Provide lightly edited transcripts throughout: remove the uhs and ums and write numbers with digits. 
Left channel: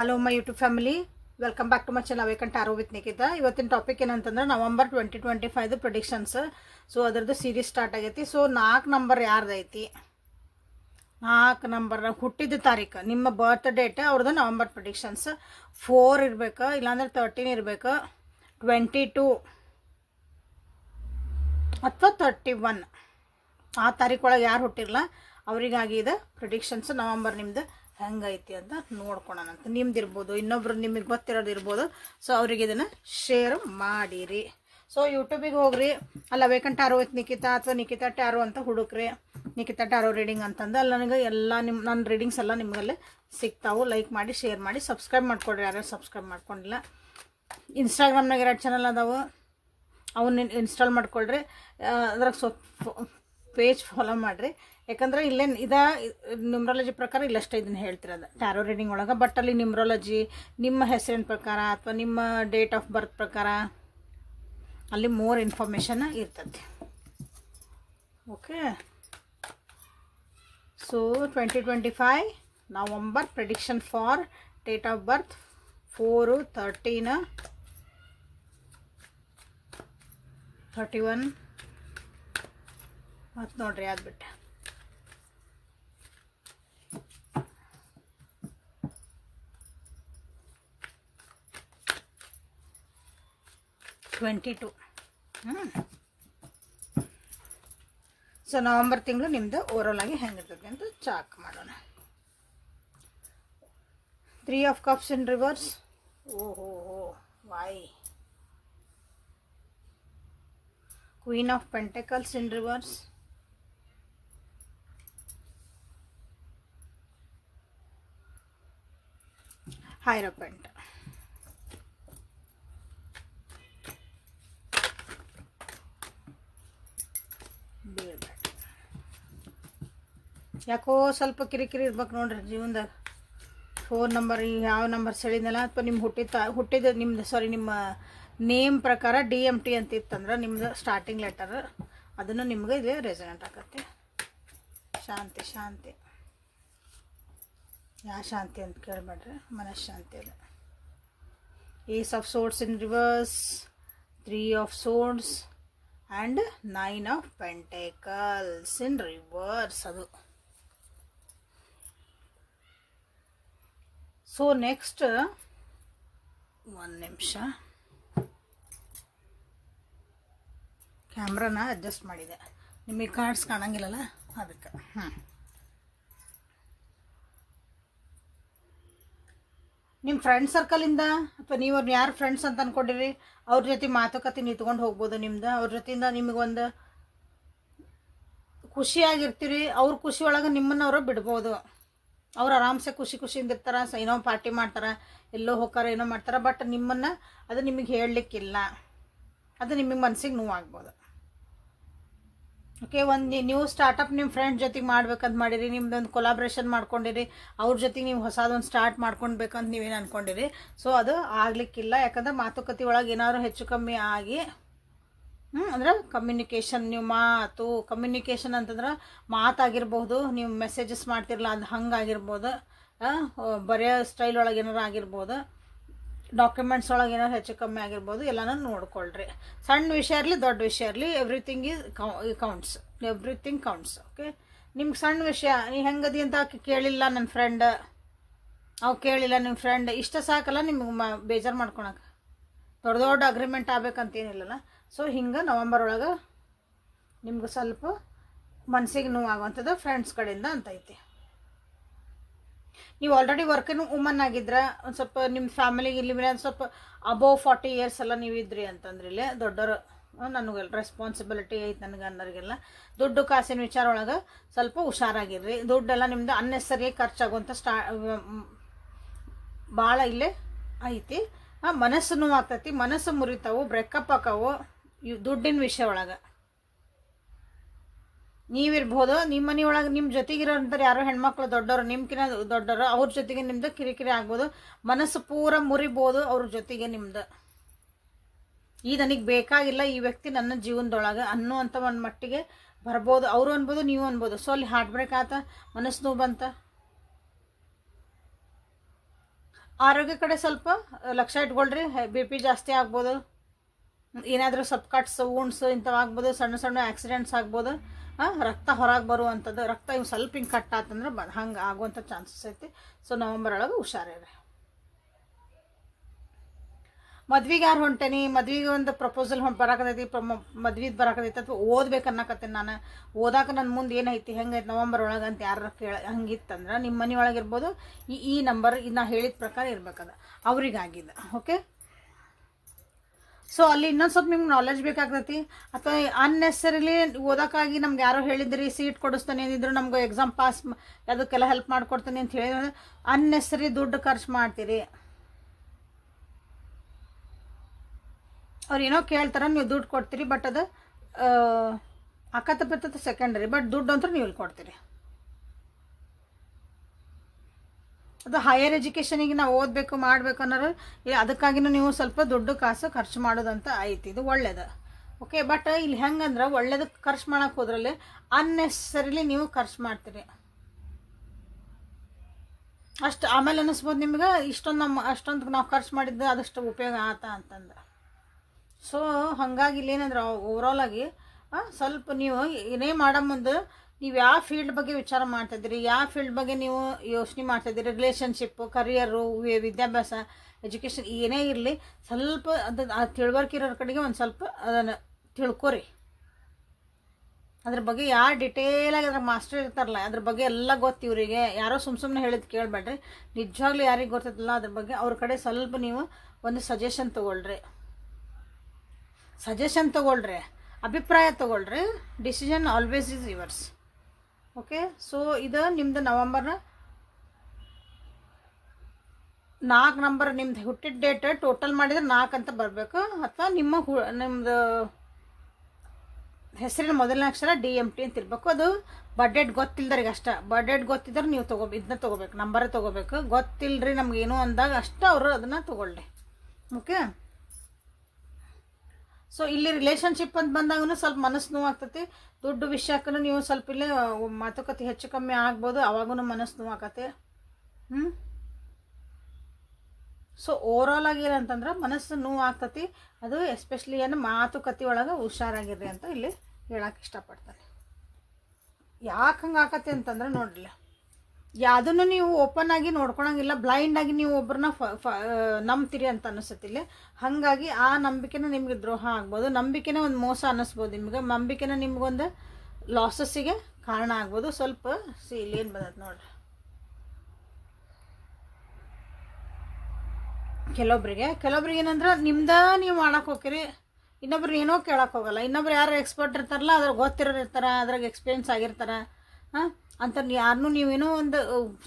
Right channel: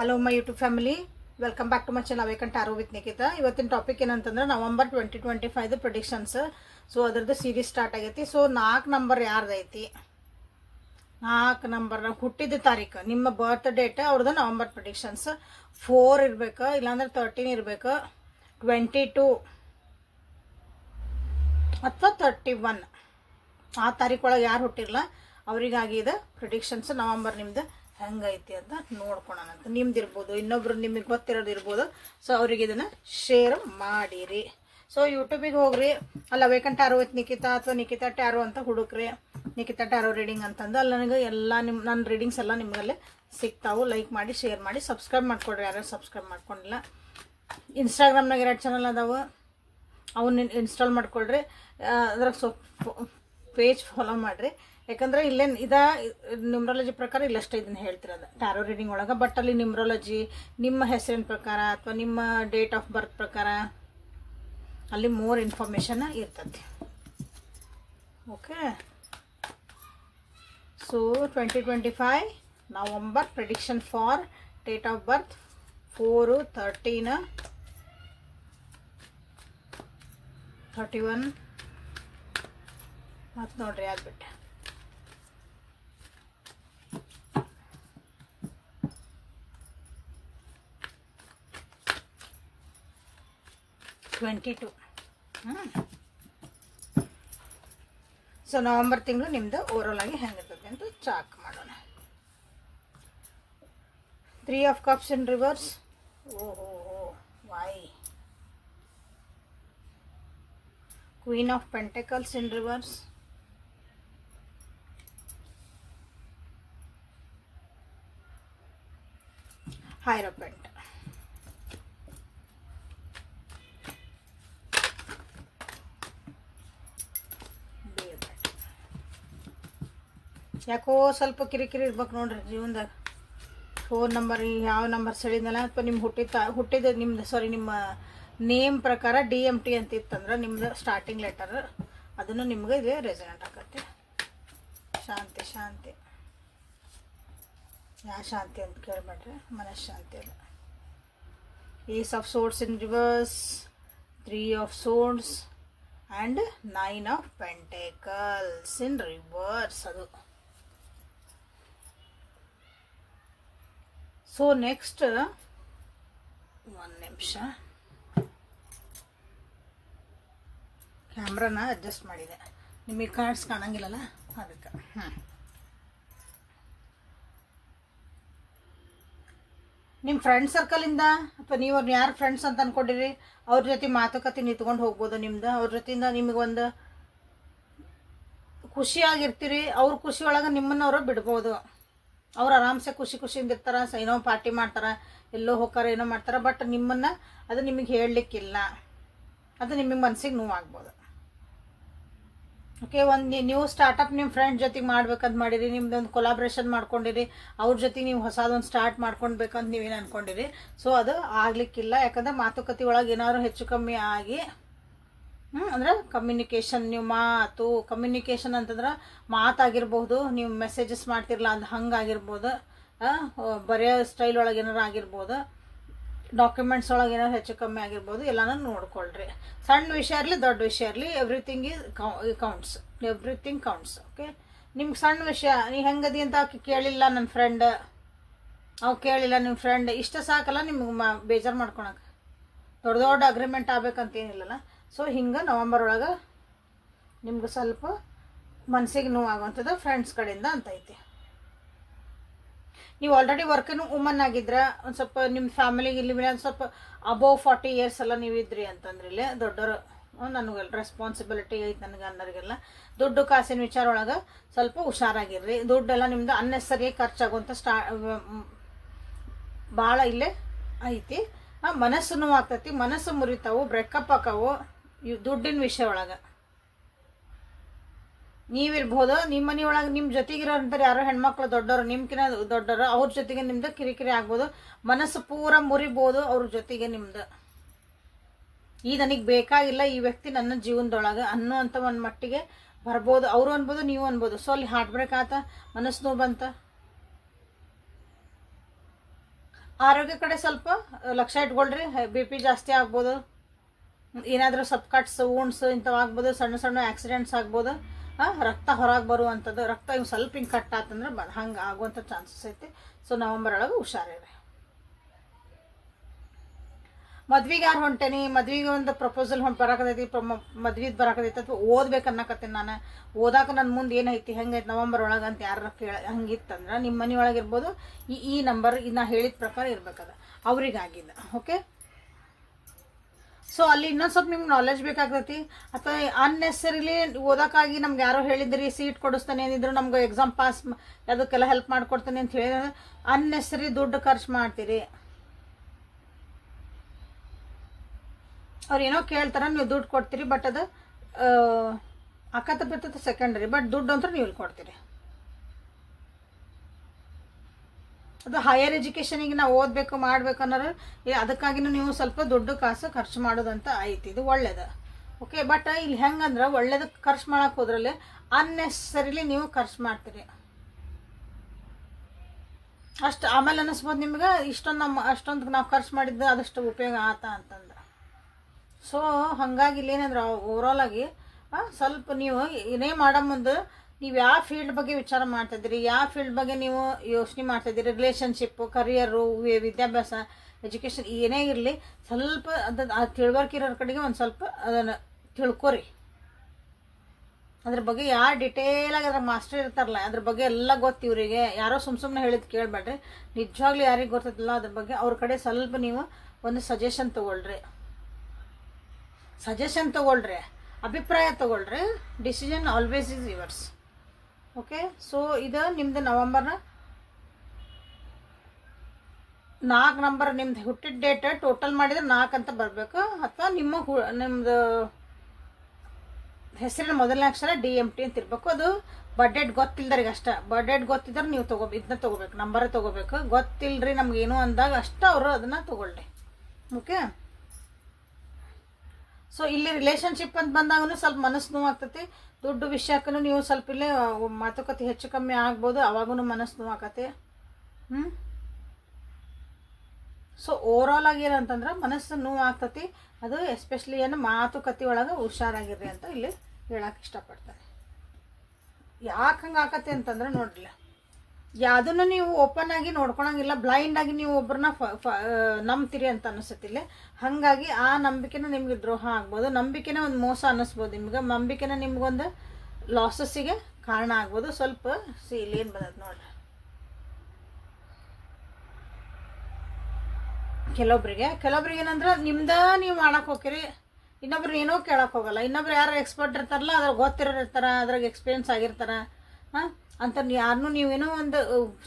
Hello my YouTube family, welcome back to my channel awaken tarot with Nikhita. ಇವತ್ತಿನ topic ಏನಂತಂದ್ರೆ November 2025 predictions. So ಅದರದ್ದು series start ಆಗೈತಿ. So 4 number ಯಾರ್ದೈತಿ, 4 number ಹುಟ್ಟಿದ ತಾರೀಕು, ನಿಮ್ಮ ಬರ್ತ್ ಡೇಟ್ ಅವ್ರದ್ದು ನವೆಂಬರ್ ಪ್ರೆಡಿಕ್ಷನ್ಸ್ 4 ಇರ್ಬೇಕು, ಇಲ್ಲಾಂದ್ರೆ 13 ಇರ್ಬೇಕು, 22 ಅಥವಾ 31 ಆ ತಾರೀಕೊಳಗೆ ಯಾರು ಹುಟ್ಟಿರಲ್ಲ ಅವರಿಗಾಗಿ ಇದು ಪ್ರಿಡಿಕ್ಷನ್ಸ್. ನವೆಂಬರ್ ನಿಮ್ದು ಹೆಂಗೈತಿ ಅಂತ ನೋಡ್ಕೊಳೋಣ. ನಿಮ್ದು ಇರ್ಬೋದು, ಇನ್ನೊಬ್ರು ನಿಮಗೆ ಗೊತ್ತಿರೋದು ಇರ್ಬೋದು. ಸೊ ಅವ್ರಿಗೆ ಇದನ್ನ ಶೇರ್ ಮಾಡಿರಿ. ಸೊ ಯೂಟ್ಯೂಬಿಗೆ ಹೋಗ್ರಿ, ಅಲ್ಲಿ ಅವೇಕನ್ ಟ್ಯಾರೋ ವಿತ್ ನಿಖಿತಾ ಅಥವಾ ನಿಖಿತಾ ಟ್ಯಾರೋ ಅಂತ ಹುಡುಕ್ರಿ. ನಿಖಿತಾ ಟ್ಯಾರೋ ರೀಡಿಂಗ್ ಅಂತಂದು ಅಲ್ಲಿ ನನಗೆ ಎಲ್ಲ ನನ್ನ ರೀಡಿಂಗ್ಸ್ ಎಲ್ಲ ನಿಮಗಲ್ಲೇ ಸಿಗ್ತಾವು. ಲೈಕ್ ಮಾಡಿ, ಶೇರ್ ಮಾಡಿ, ಸಬ್ಸ್ಕ್ರೈಬ್ ಮಾಡ್ಕೊಡ್ರಿ ಯಾರು ಸಬ್ಸ್ಕ್ರೈಬ್ ಮಾಡ್ಕೊಂಡಿಲ್ಲ. ಇನ್ಸ್ಟಾಗ್ರಾಮ್ನಾಗ 2 ಚಾನಲ್ ಅದಾವು, ಅವನ್ನ ಇನ್ಸ್ಟಾಲ್ ಮಾಡ್ಕೊಳ್ರಿ. ಅದ್ರಾಗ ಪೇಜ್ ಫಾಲೋ ಮಾಡ್ರಿ. ಯಾಕಂದ್ರೆ ಇಲ್ಲೇನು ನ್ಯೂಮರಾಲಜಿ ಪ್ರಕಾರ ಇಲ್ಲಷ್ಟೇ ಇದನ್ನ ಹೇಳ್ತಿರೋದು ಟ್ಯಾರೋ ರೀಡಿಂಗ್ ಒಳಗೆ. ಬಟ್ ಅಲ್ಲಿ ನ್ಯೂಮರಾಲಜಿ ನಿಮ್ಮ ಹೆಸರಿನ ಪ್ರಕಾರ ಅಥವಾ ನಿಮ್ಮ ಡೇಟ್ ಆಫ್ ಬರ್ತ್ ಪ್ರಕಾರ ಅಲ್ಲಿ ಮೋರ್ ಇನ್ಫಾರ್ಮೇಶನ್ ಇರ್ತದೆ. Okay, so 2025 November prediction for date of birth 4, 13, 31 ಮತ್ತು ನೋಡ್ರಿ ಆಗ್ಬಿಟ್ಟೆ 22. ಸೊ ನವೆಂಬರ್ ತಿಂಗಳು ನಿಮ್ದು ಓವರಾಲ್ ಆಗಿ ಹೆಂಗಿರ್ತದೆ ಅಂತ ಚಾಕ್ ಮಾಡೋಣ. 3 ಆಫ್ ಕಪ್ಸ್ ಇನ್ ರಿವರ್ಸ್. ಓಹೋ, Y? Queen of Pentacles in reverse. Hierophant. ಯಾಕೋ ಸ್ವಲ್ಪ ಕಿರಿಕಿರಿ ಇರ್ಬೇಕು ನೋಡ್ರಿ ಜೀವನದಾಗ. 4 ನಂಬರ್ ಯಾವ ನಂಬರ್ ಸೆಳಿದಲ್ಲ ಅಥವಾ ನಿಮ್ಮ ಹುಟ್ಟಿದ ನಿಮ್ದು ನಿಮ್ಮ ನೇಮ್ ಪ್ರಕಾರ DMT ಅಂತ ಇತ್ತಂದ್ರೆ ನಿಮ್ದು ಸ್ಟಾರ್ಟಿಂಗ್ ಲೆಟರ್, ಅದನ್ನು ನಿಮ್ಗೆ ಇದು ರೆಸನೆಂಟ್ ಆಗತ್ತೆ. ಶಾಂತಿ ಶಾಂತಿ, ಯಾ ಶಾಂತಿ ಅಂತ ಕೇಳ್ಬೇಡ್ರಿ, ಮನಃಶಾಂತಿ ಅಲ್ಲ. Ace of swords in reverse, 3 of swords and 9 of pentacles in reverse. ಅದು ಸೊ ನೆಕ್ಸ್ಟ್ 1 ನಿಮಿಷ ಕ್ಯಾಮ್ರಾನ ಅಡ್ಜಸ್ಟ್ ಮಾಡಿದೆ, ನಿಮಗೆ ಕಾರ್ಡ್ಸ್ ಕಾಣಂಗಿಲ್ಲಲ್ಲ ಅದಕ್ಕೆ. ನಿಮ್ಮ ಫ್ರೆಂಡ್ ಸರ್ಕಲಿಂದ ಅಥವಾ ನೀವು ಅವ್ರನ್ನ ಯಾರು ಫ್ರೆಂಡ್ಸ್ ಅಂತ ಅನ್ಕೊಂಡಿರಿ ಅವ್ರ ಜೊತೆ ಮಾತುಕತೆ ನಿಂತ್ಕೊಂಡು ಹೋಗ್ಬೋದು. ನಿಮ್ದು ಅವ್ರ ಜೊತೆಯಿಂದ ನಿಮಗೊಂದು ಖುಷಿಯಾಗಿರ್ತೀರಿ. ಅವ್ರ ಖುಷಿ ಒಳಗೆ ನಿಮ್ಮನ್ನ ಅವರು ಬಿಡ್ಬೋದು. ಅವ್ರು ಆರಾಮ್ಸೆ ಖುಷಿಯಿಂದ ಇರ್ತಾರ, ಏನೋ ಪಾರ್ಟಿ ಮಾಡ್ತಾರ, ಎಲ್ಲೋ ಹೋಗಾರ, ಏನೋ ಮಾಡ್ತಾರ. ಬಟ್ ನಿಮ್ಮನ್ನ ಅದು ನಿಮಗೆ ಹೇಳಲಿಕ್ಕಿಲ್ಲ, ಅದು ನಿಮಗೆ ಮನಸ್ಸಿಗೆ ನೋವಾಗ್ಬೋದು. ಓಕೆ, ಒಂದು ನ್ಯೂ ಸ್ಟಾರ್ಟಪ್ ನಿಮ್ಮ ಫ್ರೆಂಡ್ ಜೊತೆಗೆ ಮಾಡ್ಬೇಕಂತ ಮಾಡಿರಿ, ನಿಮ್ದೊಂದು ಕೊಲಾಬ್ರೇಷನ್ ಮಾಡ್ಕೊಂಡಿರಿ, ಅವ್ರ ಜೊತೆಗೆ ನೀವು ಹೊಸದೊಂದು ಸ್ಟಾರ್ಟ್ ಮಾಡ್ಕೊಳ್ಬೇಕಂತ ನೀವೇನು ಅನ್ಕೊಂಡಿರಿ. ಸೊ ಅದು ಆಗ್ಲಿಕ್ಕಿಲ್ಲ. ಯಾಕಂದ್ರೆ ಮಾತುಕತೆ ಒಳಗೆ ಏನಾದ್ರು ಹೆಚ್ಚು ಕಮ್ಮಿ ಆಗಿ ಅಂದ್ರೆ ಕಮ್ಯುನಿಕೇಶನ್, ನೀವು ಕಮ್ಯುನಿಕೇಶನ್ ಅಂತಂದ್ರೆ ಮಾತಾಗಿರ್ಬೋದು, ನೀವು ಮೆಸೇಜಸ್ ಮಾಡ್ತಿರಲ್ಲ ಅದು ಹಂಗಾಗಿರ್ಬೋದು, ಬರೆಯೋ ಸ್ಟೈಲ್ ಒಳಗೆ ಏನಾರು ಆಗಿರ್ಬೋದು, ಡಾಕ್ಯುಮೆಂಟ್ಸ್ ಒಳಗೆ ಏನಾದ್ರು ಹೆಚ್ಚು ಕಮ್ಮಿ ಆಗಿರ್ಬೋದು. ಎಲ್ಲಾನು ನೋಡ್ಕೊಳ್ರಿ. ಸಣ್ಣ ವಿಷಯ ಇರಲಿ ದೊಡ್ಡ ವಿಷಯ ಇರಲಿ, ಎವ್ರಿಥಿಂಗ್ ಕೌಂಟ್ಸ್. ಓಕೆ, ನಿಮ್ಗೆ ಸಣ್ಣ ವಿಷಯ ನೀ ಹೆಂಗದಿ ಅಂತ ಕೇಳಿಲ್ಲ ನನ್ನ ಫ್ರೆಂಡ್, ಅವ್ ಕೇಳಿಲ್ಲ ನಿಮ್ಮ ಫ್ರೆಂಡ್, ಇಷ್ಟ ಸಾಕಲ್ಲ ನಿಮ್ಗೆ ಬೇಜಾರು ಮಾಡ್ಕೊಳಕ್ಕೆ. ದೊಡ್ಡ ಅಗ್ರಿಮೆಂಟ್ ಆಗ್ಬೇಕಂತೇನಿಲ್ಲಲ್ಲ. ಸೊ ಹಿಂಗೆ ನವೆಂಬರ್ ಒಳಗೆ ನಿಮ್ಗೆ ಸ್ವಲ್ಪ ಮನಸ್ಸಿಗೆ ನೋವಾಗುವಂಥದ್ದು ಫ್ರೆಂಡ್ಸ್ ಕಡೆಯಿಂದ ಅಂತ ಐತಿ. ನೀವು ಆಲ್ರೆಡಿ ವರ್ಕಿಂಗ್ ವುಮನ್ ಆಗಿದ್ರ, ಒಂದು ಸ್ವಲ್ಪ ನಿಮ್ಮ ಫ್ಯಾಮಿಲಿಗೆ ಇಲ್ಲಿ ಸ್ವಲ್ಪ ಅಬೋವ್ 40 years ಎಲ್ಲ ನೀವಿದ್ರಿ ಅಂತಂದ್ರೆ ಇಲ್ಲೇ ದೊಡ್ಡವರು, ನನಗೆಲ್ಲ ರೆಸ್ಪಾನ್ಸಿಬಿಲಿಟಿ ಐತಿ ನನಗೆ ಅನ್ನೋರಿಗೆಲ್ಲ. ದುಡ್ಡು ಕಾಸಿನ ವಿಚಾರ ಒಳಗೆ ಸ್ವಲ್ಪ ಹುಷಾರಾಗಿರ್ರಿ. ದುಡ್ಡೆಲ್ಲ ನಿಮ್ದು ಅನ್ನೆಸರಿ ಖರ್ಚಾಗುವಂಥ ಭಾಳ ಇಲ್ಲೇ ಐತಿ. ಮನಸ್ಸು ನೋವಾಗ್ತೈತಿ, ಮನಸ್ಸು ಮುರಿತಾವು, ಬ್ರೇಕಪ್ ಆಕಾವು ದುಡ್ಡಿನ ವಿಷಯ ಒಳಗೆ. ನೀವಿರ್ಬೋದು, ನಿಮ್ಮ ಮನೆ ಒಳಗೆ ನಿಮ್ಮ ಜೊತೆಗಿರೋಂಥವ್ರು ಯಾರೋ ಹೆಣ್ಮಕ್ಳು ದೊಡ್ಡವರು, ನಿಮ್ಕಿನ ದೊಡ್ಡವರು, ಅವ್ರ ಜೊತೆಗೆ ನಿಮ್ದು ಕಿರಿಕಿರಿ ಆಗ್ಬೋದು, ಮನಸ್ಸು ಪೂರ ಮುರಿಬೋದು ಅವ್ರ ಜೊತೆಗೆ ನಿಮ್ದು. ಈ ನನಗೆ ಬೇಕಾಗಿಲ್ಲ ಈ ವ್ಯಕ್ತಿ ನನ್ನ ಜೀವನದೊಳಗೆ ಅನ್ನೋ ಅಂತ ಒಂದು ಮಟ್ಟಿಗೆ ಬರ್ಬೋದು, ಅವರು ಅನ್ಬೋದು ನೀವು ಅನ್ಬೋದು. ಸೊ ಅಲ್ಲಿ ಹಾರ್ಟ್ ಬ್ರೇಕ್ ಆತ, ಮನಸ್ಸು ನೋವು ಬಂತ, ಆರೋಗ್ಯ ಕಡೆ ಸ್ವಲ್ಪ ಲಕ್ಷ್ಯ ಇಟ್ಕೊಳ್ರಿ. BP ಜಾಸ್ತಿ ಆಗ್ಬೋದು, ಏನಾದರೂ ಸ್ವಲ್ಪ ಕಟ್ಸ್ ವೂಂಡ್ಸ್ ಇಂಥವು ಆಗ್ಬೋದು, ಸಣ್ಣ ಸಣ್ಣ ಆಕ್ಸಿಡೆಂಟ್ಸ್ ಆಗ್ಬೋದು, ರಕ್ತ ಹೊರಗೆ ಬರುವಂಥದ್ದು, ರಕ್ತ ಇವು ಸ್ವಲ್ಪ ಹಿಂಗೆ ಕಟ್ ಆತಂದ್ರೆ ಹಂಗೆ ಆಗುವಂಥ ಚಾನ್ಸಸ್ ಐತಿ. ಸೊ ನವಂಬರ್ ಒಳಗೆ ಹುಷಾರಿರಿ. ಮದ್ವಿಗೆ ಯಾರು ಹೊಂಟೇನಿ, ಮದ್ವಿಗೆ ಒಂದು ಪ್ರಪೋಸಲ್ ಬರಾಕತೈತಿ, ಮದ್ವಿದ್ ಬರಾಕತೈತಿ ಅಥವಾ ಓದ್ಬೇಕನ್ನಕತ್ತೀನಿ ನಾನು, ಓದಾಕ ನನ್ನ ಮುಂದೆ ಏನೈತಿ ಹೆಂಗೈತಿ ನವಂಬರ್ ಒಳಗೆ ಅಂತ ಯಾರು ಹಂಗಿತ್ತಂದ್ರೆ ನಿಮ್ಮ ಮನೆ ಒಳಗೆ ಇರ್ಬೋದು. ಈ ನಂಬರ್ ನಾ ಹೇಳಿದ ಪ್ರಕಾರ ಇರ್ಬೇಕದ ಅವ್ರಿಗಾಗಿದ್ದ. ಓಕೆ, ಸೊ ಅಲ್ಲಿ ಇನ್ನೊಂದು ಸ್ವಲ್ಪ ನಿಮ್ಗೆ ನಾಲೆಜ್ ಬೇಕಾಗ್ತೈತಿ. ಅಥವಾ ಅನ್ನೆಸರಿಲಿ ಓದಕ್ಕಾಗಿ ನಮ್ಗೆ ಯಾರೋ ಹೇಳಿದ್ರಿ ಸೀಟ್ ಕೊಡಿಸ್ತಾನೆ ಅಂದಿದ್ರು, ನಮ್ಗೆ ಎಕ್ಸಾಮ್ ಪಾಸ್ ಅದಕ್ಕೆಲ್ಲ ಹೆಲ್ಪ್ ಮಾಡ್ಕೊಡ್ತಾನೆ ಅಂತ ಹೇಳಿದ್ರೆ ಅನ್ನೆಸರಿ ದುಡ್ಡು ಖರ್ಚು ಮಾಡ್ತೀರಿ. ಅವ್ರು ಏನೋ ಕೇಳ್ತಾರ, ನೀವು ದುಡ್ಡು ಕೊಡ್ತೀರಿ, ಬಟ್ ಅದು ಅಕ್ಕತ್ತ ಬರ್ತದೆ ಸೆಕೆಂಡರಿ, ಬಟ್ ದುಡ್ಡು ಅಂತ ನೀವು ಇಲ್ಲಿ ಕೊಡ್ತೀರಿ. ಅದು ಹೈಯರ್ ಎಜುಕೇಷನಿಗೆ ನಾವು ಓದಬೇಕು ಮಾಡಬೇಕು ಅನ್ನೋರು ಅದಕ್ಕಾಗಿನೂ ನೀವು ಸ್ವಲ್ಪ ದುಡ್ಡು ಕಾಸು ಖರ್ಚು ಮಾಡೋದಂತ ಐತಿ. ಇದು ಒಳ್ಳೇದು. ಓಕೆ, ಬಟ್ ಇಲ್ಲಿ ಹೆಂಗಂದ್ರೆ ಒಳ್ಳೇದು ಖರ್ಚು ಮಾಡಕ್ಕೆ ಹೋದ್ರಲ್ಲಿ ಅನ್ನೆಸರಿಲಿ ನೀವು ಖರ್ಚು ಮಾಡ್ತೀರಿ. ಅಷ್ಟು ಆಮೇಲೆ ಅನ್ನಿಸ್ಬೋದು ನಿಮ್ಗೆ ಅಷ್ಟೊಂದು ನಾವು ಖರ್ಚು ಮಾಡಿದ್ದು ಅದಷ್ಟು ಉಪಯೋಗ ಆತ ಅಂತಂದ್ರೆ. ಸೊ ಹಾಗಾಗಿ ಇಲ್ಲೇನಂದ್ರೆ ಓವರಾಲ್ ಆಗಿ ಸ್ವಲ್ಪ ನೀವು ಏನೇ ಮಾಡೋ ಮುಂದೆ ನೀವು ಯಾವ ಫೀಲ್ಡ್ ಬಗ್ಗೆ ವಿಚಾರ ಮಾಡ್ತಾಯಿದ್ದೀರಿ, ಯಾವ ಫೀಲ್ಡ್ ಬಗ್ಗೆ ನೀವು ಯೋಚನೆ ಮಾಡ್ತಾಯಿದ್ದೀರಿ, ರಿಲೇಷನ್ಶಿಪ್ಪು, ಕರಿಯರು, ವಿದ್ಯಾಭ್ಯಾಸ, ಎಜುಕೇಷನ್ ಏನೇ ಇರಲಿ, ಸ್ವಲ್ಪ ಅದು ತಿಳುವಳಿಕೆ ಇರೋರ ಕಡೆಗೆ ಒಂದು ಸ್ವಲ್ಪ ಅದನ್ನು ತಿಳ್ಕೊರಿ. ಅದ್ರ ಬಗ್ಗೆ ಯಾರು ಡಿಟೇಲಾಗಿ ಅದ್ರ ಮಾಸ್ಟರ್ ಇರ್ತಾರಲ್ಲ ಅದ್ರ ಬಗ್ಗೆ ಎಲ್ಲ ಗೊತ್ತು ಇವರಿಗೆ. ಯಾರೋ ಸುಮ್ಮನೆ ಹೇಳಿದ್ ಕೇಳಬೇಡ್ರಿ, ನಿಜವಾಗ್ಲೂ ಯಾರಿಗೆ ಗೊತ್ತಿಲ್ಲ ಅದ್ರ ಬಗ್ಗೆ ಅವ್ರ ಕಡೆ ಸ್ವಲ್ಪ ನೀವು ಒಂದು ಸಜೆಷನ್ ತಗೊಳ್ರಿ. ಅಭಿಪ್ರಾಯ ತಗೊಳ್ರಿ. Decision always is yours. Okay, so ಇದು ನಿಮ್ದು ನವಂಬರ್ನ 4 ನಂಬರ್ ನಿಮ್ದು ಹುಟ್ಟಿದ ಡೇಟ್ ಟೋಟಲ್ ಮಾಡಿದ್ರೆ 4 ಅಂತ ಬರಬೇಕು. ಅಥವಾ ನಿಮ್ದು ಹೆಸರಿನ ಮೊದಲನೇ ಅಕ್ಷರ DMT ಅಂತ ಇರಬೇಕು. ಅದು ಬರ್ಡೇಟ್ ಗೊತ್ತಿಲ್ದರಿಗೆ ಅಷ್ಟ. ಬರ್ಡೇಟ್ ಗೊತ್ತಿದ್ರೆ ನೀವು ಇದನ್ನ ತಗೋಬೇಕು, ನಂಬರ್ ತಗೋಬೇಕು. ಗೊತ್ತಿಲ್ರಿ ನಮ್ಗೇನು ಅಂದಾಗ ಅಷ್ಟ ಅವರು ಅದನ್ನ ತಗೊಳ್ಳಿ. ಓಕೆ, ಸೊ ಇಲ್ಲಿ ರಿಲೇಶನ್ಶಿಪ್ ಅಂತ ಬಂದಾಗೂ ಸ್ವಲ್ಪ ಮನಸ್ಸು ನೋವಾಗ್ತೈತಿ. ದುಡ್ಡು ವಿಷಯಕ್ಕೂ ನೀವು ಸ್ವಲ್ಪ ಇಲ್ಲೇ ಮಾತುಕತೆ ಹೆಚ್ಚು ಕಮ್ಮಿ ಆಗ್ಬೋದು, ಅವಾಗೂ ಮನಸ್ಸು ನೋವಾಗತ್ತೆ. ಸೊ ಓವರಾಲ್ ಆಗಿ ಏನಂತಂದ್ರೆ ಮನಸ್ಸು ನೋವು ಆಗ್ತತಿ. ಅದು ಎಸ್ಪೆಷಲಿ ಏನು ಮಾತುಕತೆ ಒಳಗೆ ಹುಷಾರಾಗಿರ್ರಿ ಅಂತ ಇಲ್ಲಿ ಹೇಳಕ್ಕೆ ಇಷ್ಟಪಡ್ತಾರೆ. ಯಾಕೆ ಹಂಗೆ ಆಕತಿ ಅಂತಂದ್ರೆ ನೋಡ್ರಿ, ಯಾವುದನ್ನು ನೀವು ಓಪನ್ ಆಗಿ ನೋಡ್ಕೊಳಂಗಿಲ್ಲ, ಬ್ಲೈಂಡ್ ಆಗಿ ನೀವು ಒಬ್ಬರನ್ನ ನಂಬ್ತೀರಿ ಅಂತ ಅನಿಸುತ್ತಿಲ್ಲ. ಹಾಗಾಗಿ ಆ ನಂಬಿಕೆನ ನಿಮ್ಗೆ ದ್ರೋಹ ಆಗ್ಬೋದು, ನಂಬಿಕೆನ ಒಂದು ಮೋಸ ಅನ್ನಿಸ್ಬೋದು ನಿಮ್ಗೆ, ನಂಬಿಕೆನ ನಿಮ್ಗೊಂದು ಲಾಸಸ್ಸಿಗೆ ಕಾರಣ ಆಗ್ಬೋದು. ಸ್ವಲ್ಪ ಇಲ್ಲಿ ಏನು ಬಂದೈತೆ ನೋಡ್ರಿ, ಕೆಲವೊಬ್ರಿಗೆ ಏನಂದ್ರೆ ನಿಮ್ದ ನೀವು ಮಾಡಕ್ ಹೋಗ್ತೀರಿ, ಇನ್ನೊಬ್ರು ಏನೋ ಕೇಳಕ್ ಹೋಗಲ್ಲ. ಇನ್ನೊಬ್ರು ಯಾರು ಎಕ್ಸ್ಪರ್ಟ್ ಇರ್ತಾರಲ್ಲ, ಅದ್ರ ಗೊತ್ತಿರೋರ್ತಾರ, ಅದ್ರಾಗ ಎಕ್ಸ್ಪೀರಿಯನ್ಸ್ ಆಗಿರ್ತಾರ ಅಂತ ಯಾರನ್ನೂ ನೀವೇನೋ ಒಂದು